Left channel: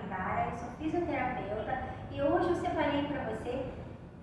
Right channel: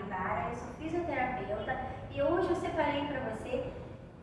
Ibara, eu sou fisioterapeuta e hoje eu separei para você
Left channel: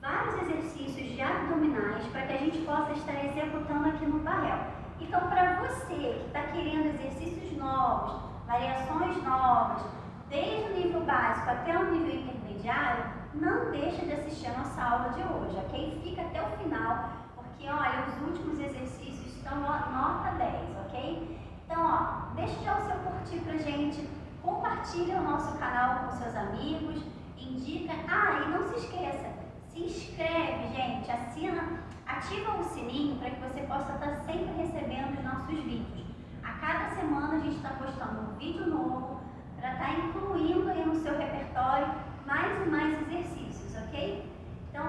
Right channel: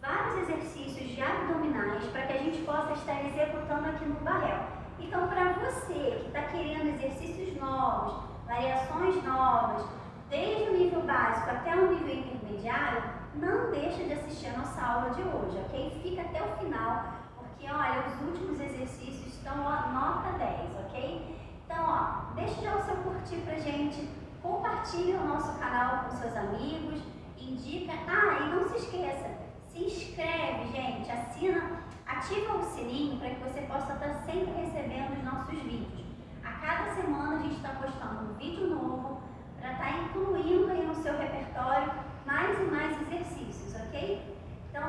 vários exercícios de abdominais para que a gente possa estar executando aqui no Barrel. Então, para você que está querendo exercícios novos, variações novas, desde o nível básico até o nível intermediário, não deixa de assistir a nossa aula de hoje, ok? Fica até o final, porque olha, os últimos exercícios estão nota 10, ok? Então, ó, deixa já o seu curtir pra gente, compartilha o nosso canal com seus amigos, indica, e não se esqueça, se inscreve, gente, assina, ativa o sininho para que você possa estar sempre recebendo os nossos vídeos. A cada semana a gente está postando um vídeo novo para estar incluindo aí no seu repertório mais e mais exercícios, ok? Então,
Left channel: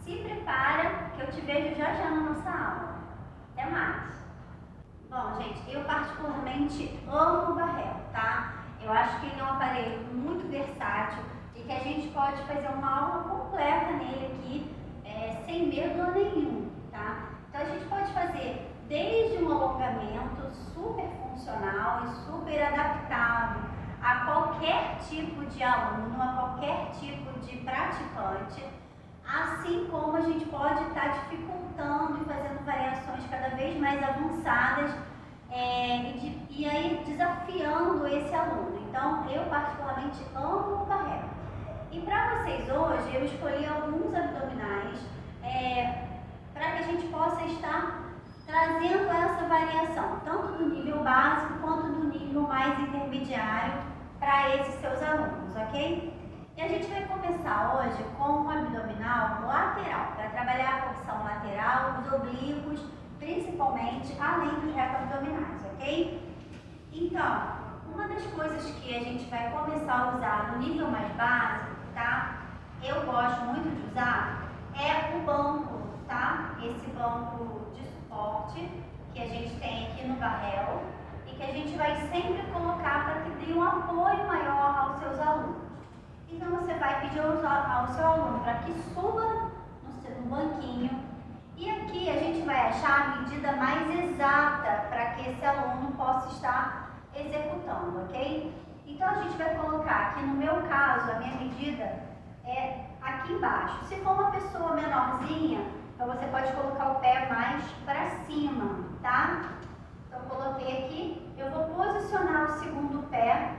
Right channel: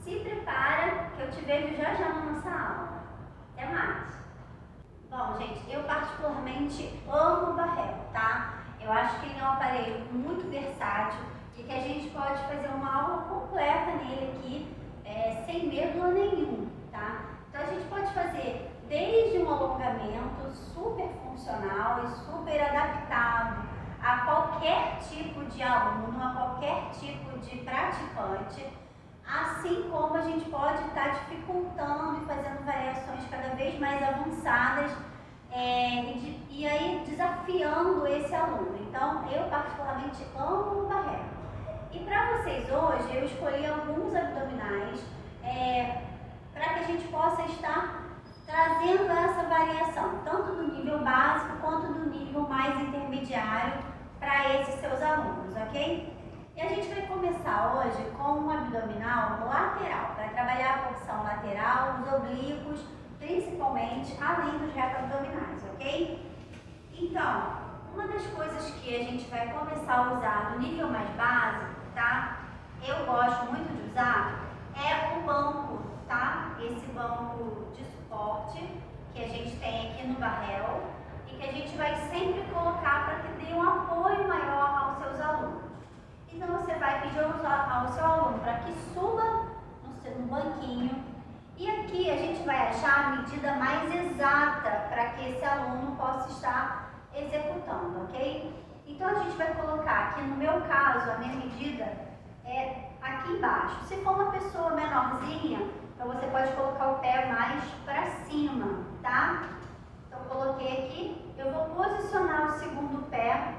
se prepara que eu te vejo já já na nossa aula. Até mais! Bom, gente, eu particularmente amo o Barrel, tá? Eu acho que ele é um aparelho muito versátil e que a gente pode fazer uma aula completa nele aqui, sem medo nenhum, tá? Então a gente pode fazer desde um alongamento super funcional e super adaptado a qualquer tipo de aluno, a qualquer tipo de praticante, assim como a gente pode estar dificultando e fazendo variações cada vez mais avançadas e aí desafiando esse aluno. Então, eu particularmente amo o Barrel. E para vocês hoje, eu escolhi alguns abdominais para que a gente possa estar trazendo essa variação, tanto do nível básico quanto do nível mais intermediário para esses seus alunos, ok? E a gente vai começar hoje com um abdominal lateral, para trabalhar a porção lateral, os oblíquos, principalmente, além dos reto abdominais, ok? Então, uma das coisas que a gente vai começar a usar no nível mais básico, tá? Eu gosto muito de usar é o banco, tá? Esse banco de suporte que a gente tem aqui no Barrel e que a gente vai sempre colocar para que dê um apoio maior aos seus alunos. Então, você vai pedir ao seu aluno para que suba no banquinho e aqui a gente vai achar a medida mais exata para que esse aluno possa estar executando, ok? Então, a gente vai colocar aqui, no meu caso, a minha medida é aqui embaixo. Se for uma pessoa menorzinha, então você pode colocar o pé mais para cima, tá? Então, coloquei aqui, eu vou posicionar o segundo pé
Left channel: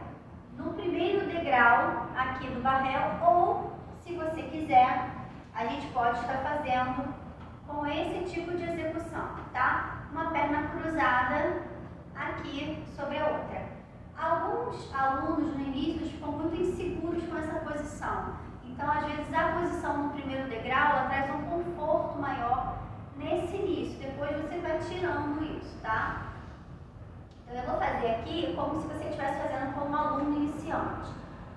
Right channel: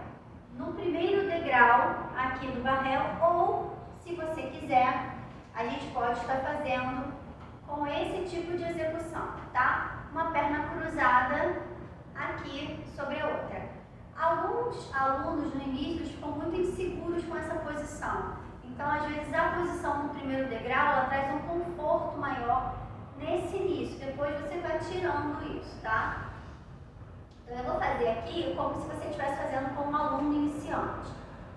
no primeiro degrau aqui do Barrel, ou, se você quiser, a gente pode estar fazendo com esse tipo de execução, tá? Uma perna cruzada aqui sobre a outra. Alguns alunos no início ficam muito inseguros com essa posição. Então, às vezes, a posição no primeiro degrau, ela traz um conforto maior nesse início. Depois você vai tirando isso, tá? Então, eu vou fazer aqui como se você estivesse fazendo com um aluno iniciante.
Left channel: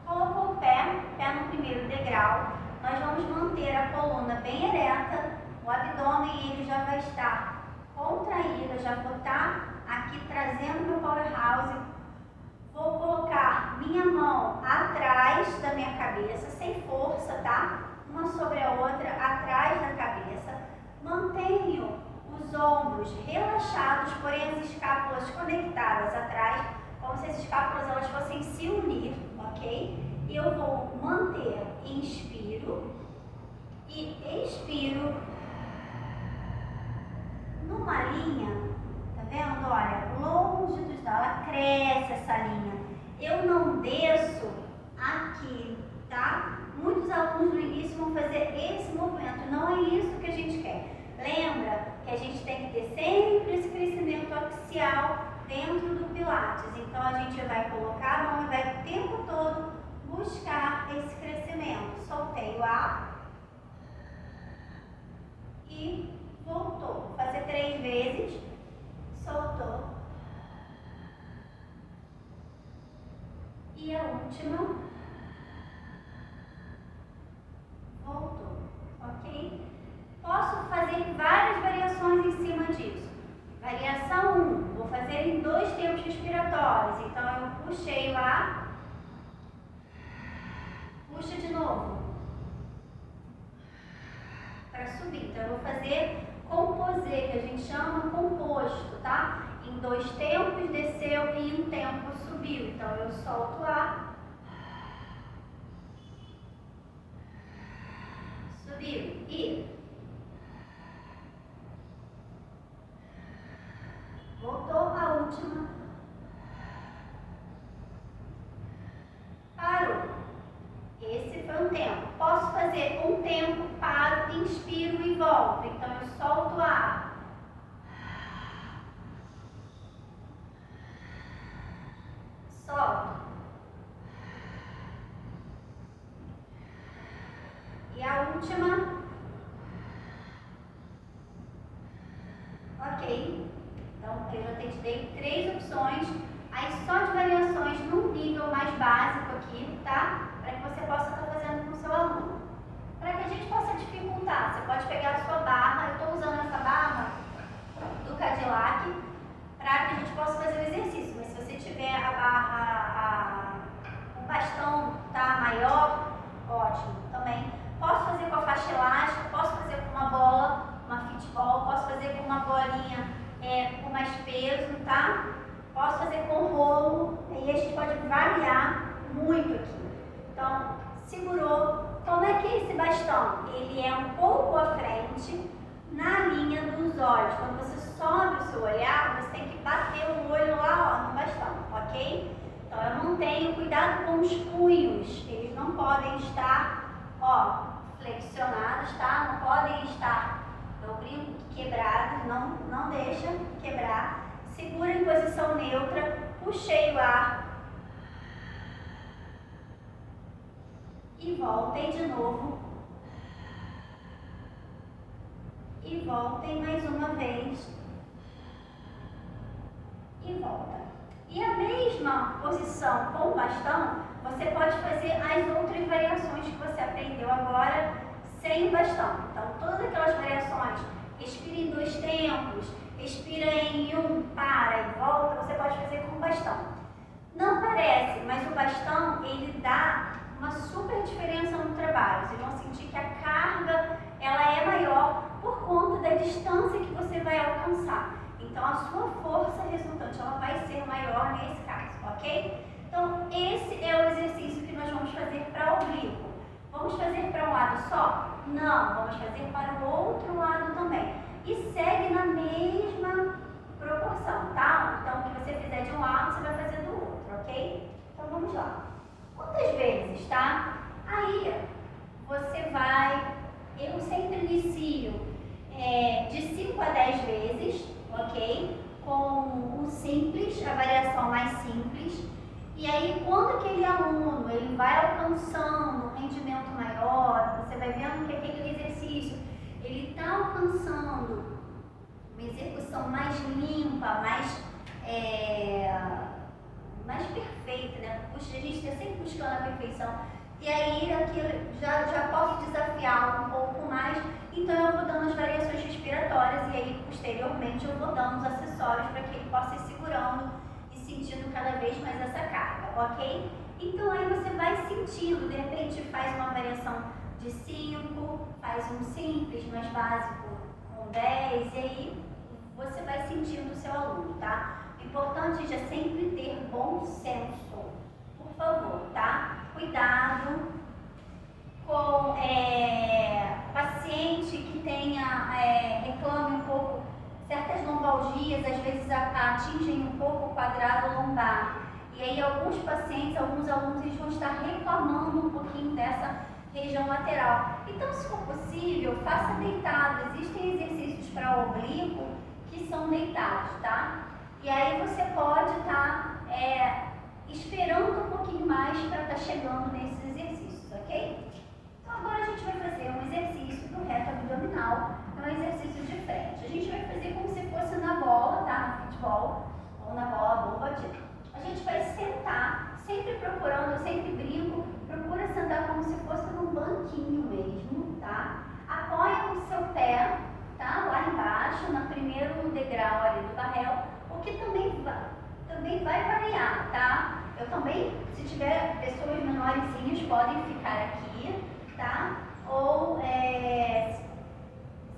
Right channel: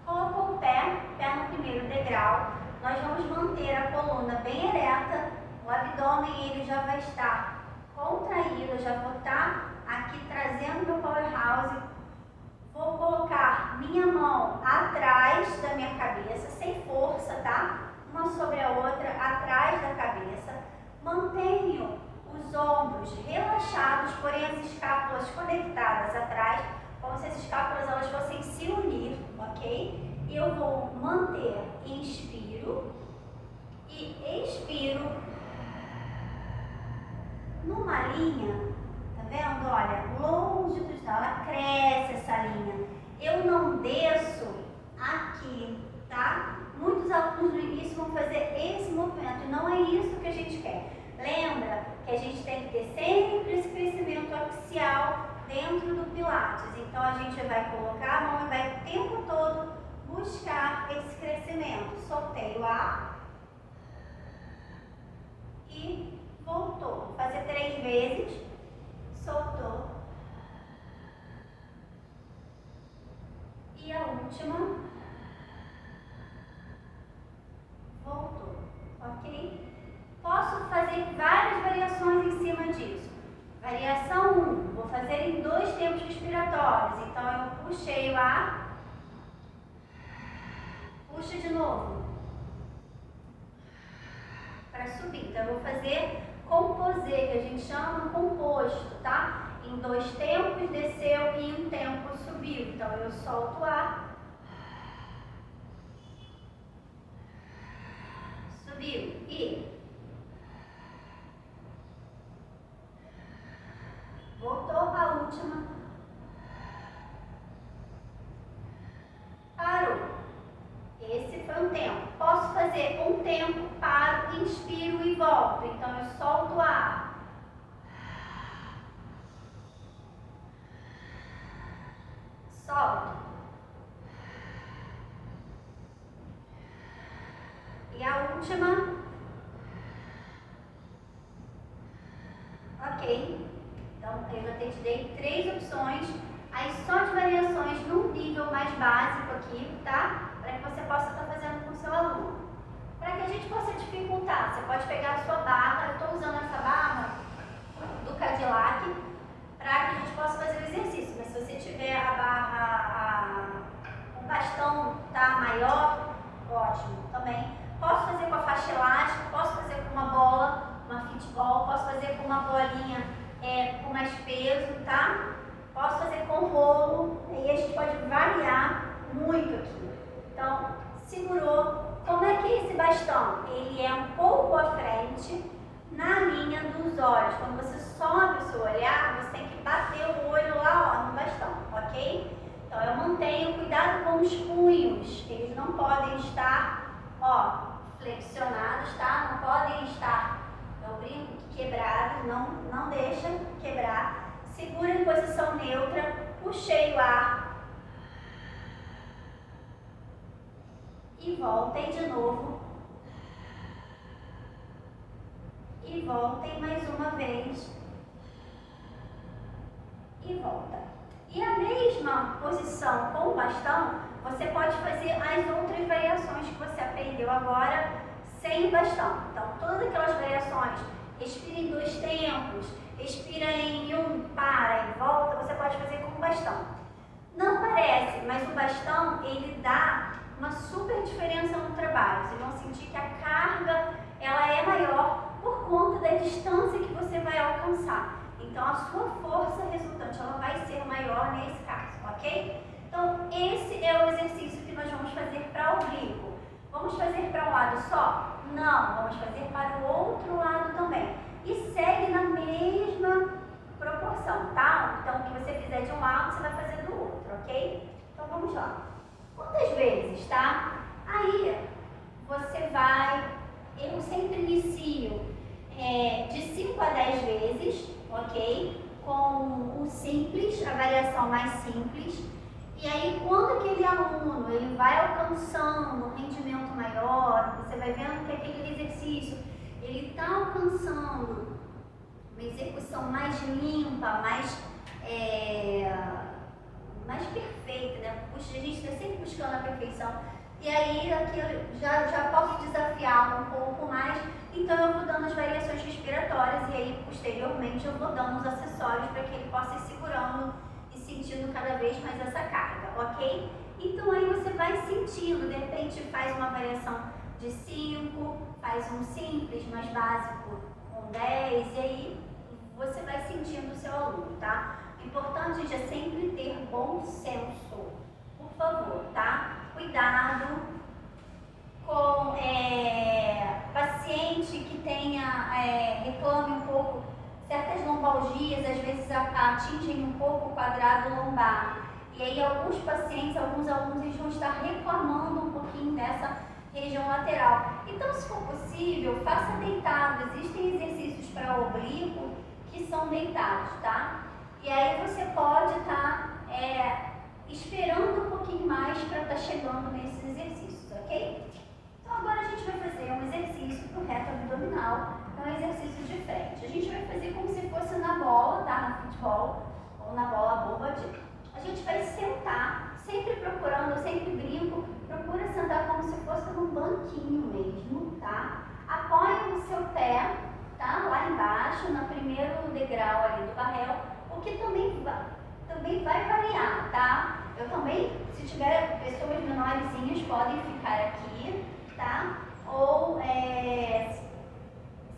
Colocou o pé no primeiro degrau. Nós vamos manter a coluna bem ereta. O abdômen ele já vai estar contraído. Eu já vou estar aqui trazendo meu powerhouse. Vou colocar minha mão atrás da minha cabeça, sem força, tá? Uma sobre a outra, atrás da cabeça. Mantenho os ombros relaxados, porém as escápulas conectadas atrás, como se as escápulas elas fossem se unir, ok? E eu vou manter, inspiro e expiro numa linha, tá vendo? Olha, longitudinal, ela cresce essa linha. Eu não desço aqui, tá? Muitos alunos no início vão fazer esse movimento, não é isso que a gente quer. Lembra que a gente tem que ter sempre esse crescimento axial dentro do Pilates. Então, a gente vai colocar a mão e vai o tempo todo buscar esse crescimento. Soltei o ar e voltou. Vou fazer 3 vezes. Soltou. E a última. Voltou. Ok? Posso fazer várias variações em cima disso. Variação 1, vou fazer em 2 tempos respiratórios. Então, eu puxei o ar, puxa de novo, para subir. Então, eu vou fazer composê, que a gente chama composto, tá? Em 2 tempos desceu e em 1 tempo subiu. Então, eu solto o ar Subiu e voltou a última. Parou. Esse foi um tempo. Posso fazer um tempo, paro, inspiro e volto. Então eu solto o ar. Solto. E a última. Ok. Então eu já te dei 3 opções. Aí só de variações num nível mais básico aqui, tá? Para que você possa estar fazendo com o seu aluno. Para que a gente possa dificultar, você pode pegar a sua barra. Eu estou usando essa barra do Cadillac para que a gente possa fazer o exercício. Mas se você tiver a barra, o bastão tá maior, ótimo também. Posso fazer com a faixa elástica, posso fazer com uma bola, uma fitball, posso fazer com uma bolinha com mais peso, tá? Posso fazer com rolo, e a gente pode variar muito aqui. Então, segurou. Como é que é esse bastão? Ele é um pouco à frente, na linha dos olhos. Quando você sobe o seu olhar, você tem que bater o olho lá, ó, no bastão, ok? Então, eu mantenho cuidado com os punhos. Eles não podem estar, ó, flexionados, tá? Não podem estar, eu brinco, quebrados, não deixa quebrar. Segura em posição neutra, puxei o ar. E voltem de novo. E voltem mais uma vez. E volta. E a mesma posição com o bastão, você pode fazer as outras variações que você aprendeu agora sem o bastão. Então, todas aquelas variações, respira em 2 tempos, respira em 1, para e volta, você pode fazer com o bastão. Não parece, mas o bastão, ele dá uma super diferença no trabalho. Vocês vão sentir que a carga, ela é maior por conta da distância que você vai alcançar. Então, a sua força resultante, ela vai ser maior nesse caso, ok? Então, esse é o exercício que nós vamos fazer para o oblíquo. Vamos fazer para um lado só? Não, vamos fazer para o outro lado também. E segue na mesma proporção, tá? Então, o que você fizer de um lado, você vai fazer do outro, ok? Então, vamos lá. Quantas vezes, tá? Aí, você vai... Eu sempre inicio de 5 a 10 vezes, ok? Com o simples, a variação mais simples. E aí, quando aquele aluno ele vai alcançando um rendimento maior, você vai vendo que aquele exercício ele está alcançando uma execução mais limpa, mais perfeita, né? A gente está sempre buscando a perfeição. E aí, aqui eu já posso desafiar um pouco mais, então eu vou dando as variações respiratórias e aí, posteriormente, eu vou dando os acessórios para que ele possa ir segurando e sentindo cada vez mais essa carga, ok? Então, aí você vai sentindo, de repente faz uma variação de 5, faz um simples, mais básico, com 10, e aí você vai sentindo o seu aluno, tá? O importante é sempre ter bom senso, por favor, tá? Cuidado com paciente que reclame um pouco, certas lombalgias, às vezes atingem um pouco o quadrado lombar. E aí alguns pacientes, alguns alunos, eles vão estar reclamando um pouquinho dessa região lateral. Então, se for possível, faça deitado. Existem exercícios para oblíquo que são deitados, tá? E aí você pode estar esperando um pouquinho mais para estar chegando nesses exercícios, ok? Então agora a gente vai fazer um exercício do reto abdominal, é um exercício de frente. A gente vai fazer como se fosse na bola, tá? No futebol, ou na bola bomba. A gente vai sentar, sempre procurando, eu sempre brinco, procura sentar como se fosse num banquinho mesmo, tá? Apoia o seu pé, tá? Lá embaixo, no primeiro degrau ali do barrel, o que também vai variar, tá? Eu também, se tiver pessoas menorzinhas, podem ficar aqui, tá? Ou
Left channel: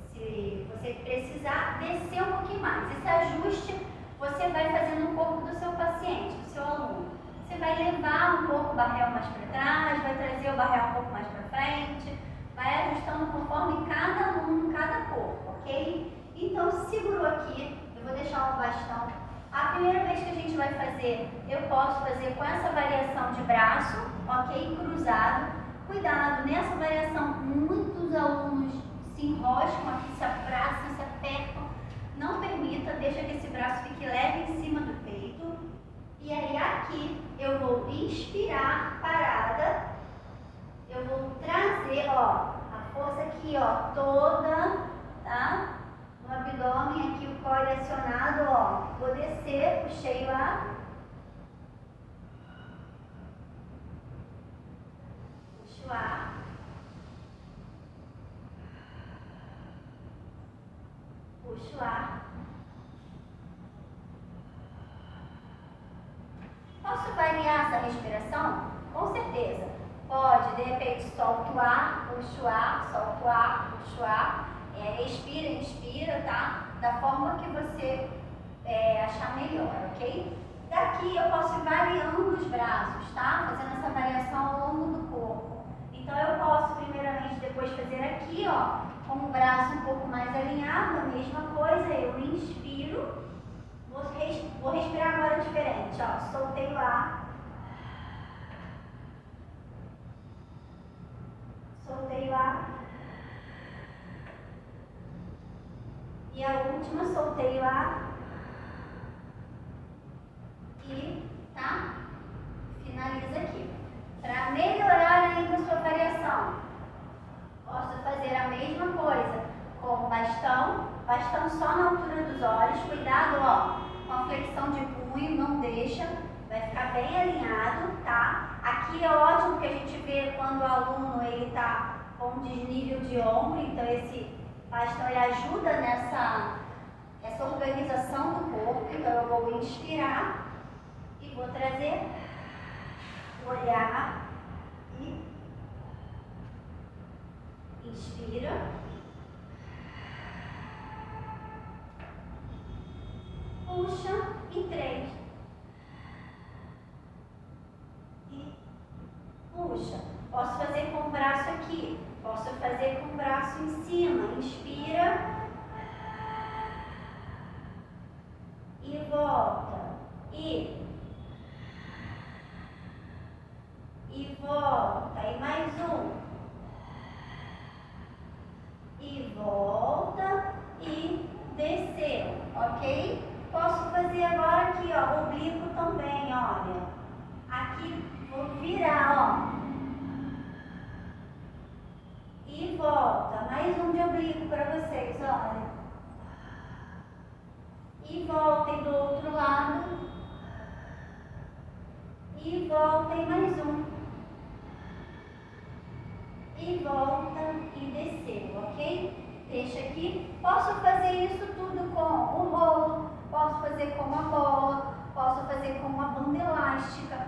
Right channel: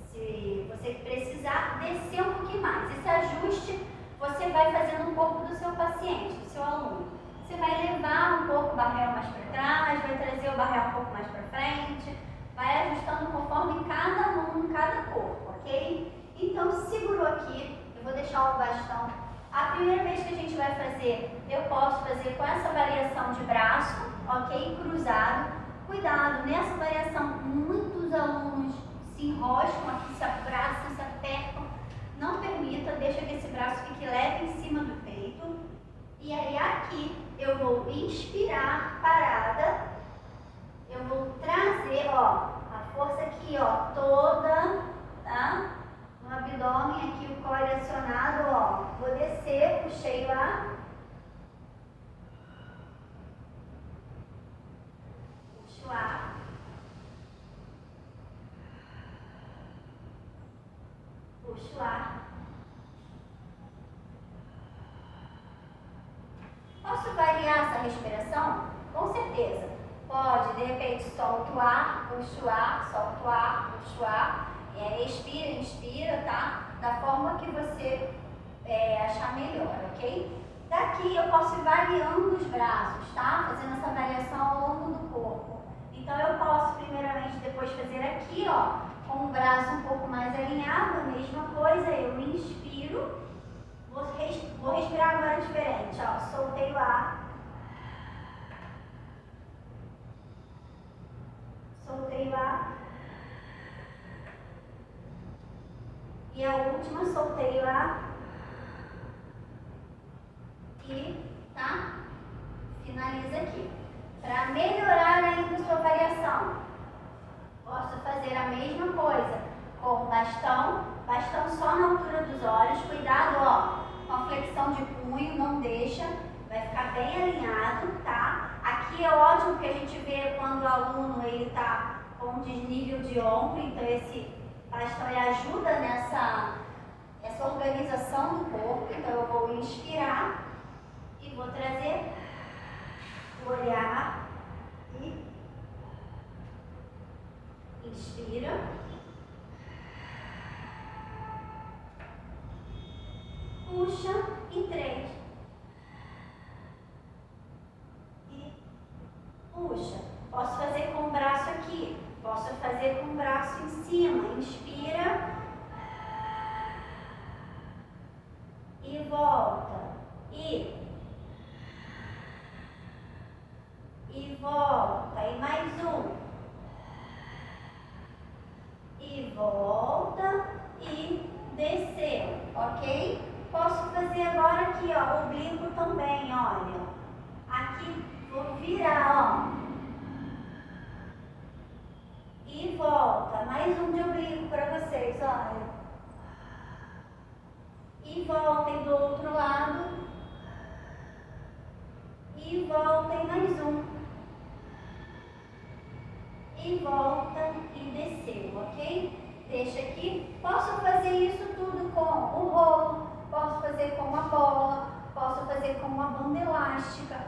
se você precisar, descer um pouquinho mais. Esse ajuste você vai fazendo no corpo do seu paciente, do seu aluno. Você vai levar um pouco o barrel mais para trás, vai trazer o barrel um pouco mais para frente, vai ajustando conforme ok? Então, segurou aqui, eu vou deixar o bastão. A primeira vez que a gente vai fazer, eu posso fazer com essa variação de braço, ok? Cruzado. Cuidado, nessa variação, muitos alunos se enroscam aqui, se abraçam, se apertam. Não permita, deixa que esse braço fique leve em cima do peito. E aí aqui, eu vou inspirar, parada. Eu vou trazer, ó, a força aqui, ó, toda, tá? No abdômen, aqui o core acionado, ó. Vou descer, puxei o ar. Puxo o ar. Puxo o ar. Posso variar essa respiração? Com certeza. Pode, de repente, solta o ar, puxa o ar, solta o ar, puxa o ar. Expira, inspira, tá? Da forma que você achar melhor, ok? Daqui eu posso ir variando os braços, tá? Fazendo essa variação ao longo do corpo. Então eu posso, primeiramente, depois fazer aqui, ó, com o braço um pouco mais alinhado, a mesma coisa. Eu inspiro, vou respirar agora diferente, ó. Soltei o ar. Soltei o ar. E a última, soltei o ar. E, tá? Finaliza aqui. Para melhorar ainda a sua variação, posso fazer a mesma coisa com bastão só na altura dos olhos. Cuidado, ó, com a flexão de punho, não deixa, vai ficar bem alinhado, tá? Aqui é ótimo que a gente vê quando o aluno ele tá com desnível de ombro, então esse bastão ele ajuda nessa organização do corpo. Então eu vou inspirar e vou trazer, olhar e inspira, puxa e 3 e puxa. Posso fazer com o braço aqui, posso fazer com o braço em cima. Inspira e volta e volta, e mais um, e volta e desceu, ok? Posso fazer agora aqui, ó, oblíquo também, olha. Aqui vou virar, ó, e volta. Mais um de oblíquo para vocês, olha. E voltem do outro lado. E voltem mais um. E volta e desceu, ok? Deixa aqui. Posso fazer isso tudo com o rolo, posso fazer com uma bola, posso fazer com uma banda elástica.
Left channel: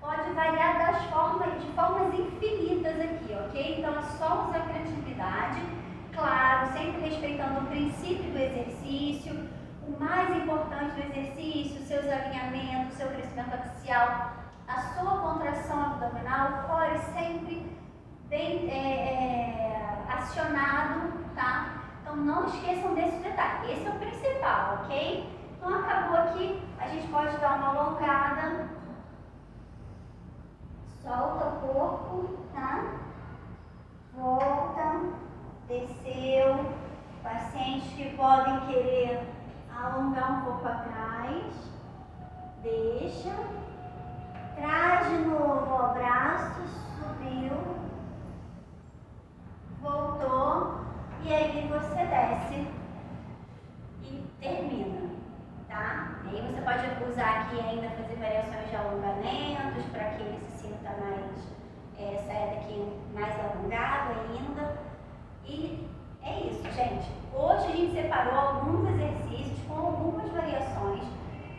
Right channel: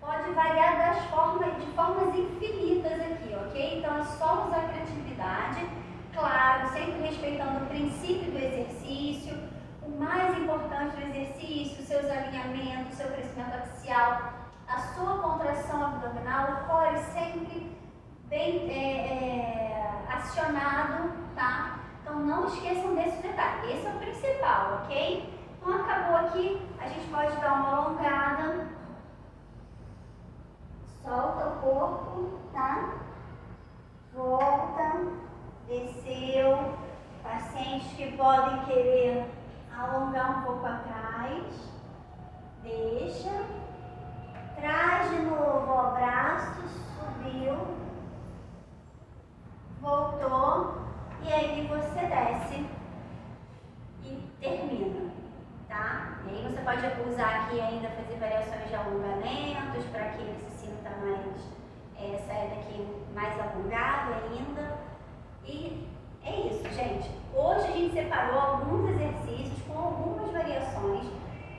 Pode variar de formas infinitas aqui, ok? Então é só usar a criatividade, claro, sempre respeitando o princípio do exercício. O mais importante do exercício, seus alinhamentos, seu crescimento axial, a sua contração abdominal, o core sempre bem acionado, tá? Então não esqueçam desse detalhe, esse é o principal, ok? Então acabou aqui, a gente pode dar uma alongada, solta o corpo, tá? Volta, desceu, pacientes que podem querer alongar um pouco atrás, deixa, traz de novo o braço, subiu, voltou, e aí você desce e termina, tá? E aí você pode usar aqui ainda, fazer variações de alongamentos, para que ele se sinta mais, saia daqui mais alongado ainda. E é isso, gente. Hoje a gente separou alguns exercícios com algumas variações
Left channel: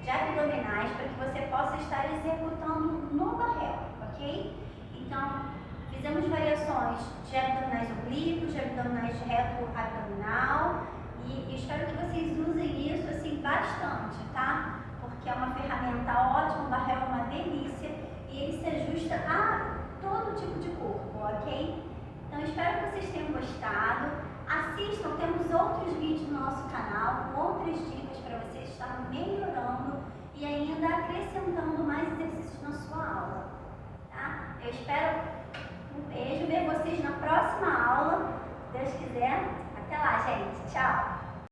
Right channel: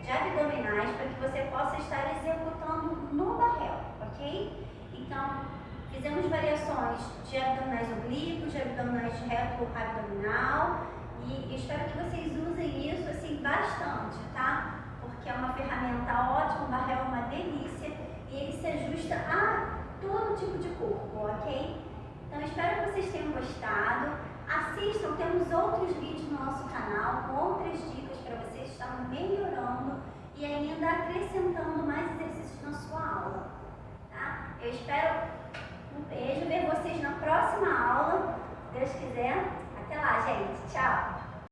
de abdominais para que você possa estar executando no barrel, ok? Então, fizemos variações de abdominais oblíquos, de abdominais de reto abdominal e espero que vocês usem isso assim bastante, tá? Porque é uma ferramenta ótima, o barrel é uma delícia e ele se ajusta a todo tipo de corpo, ok? Então, espero que vocês tenham gostado. Assistam, temos outros estar melhorando e ainda acrescentando mais exercícios na sua aula. Tá? Eu espero um beijo, ver vocês na próxima aula. Se Deus quiser. Até lá, gente. Tchau!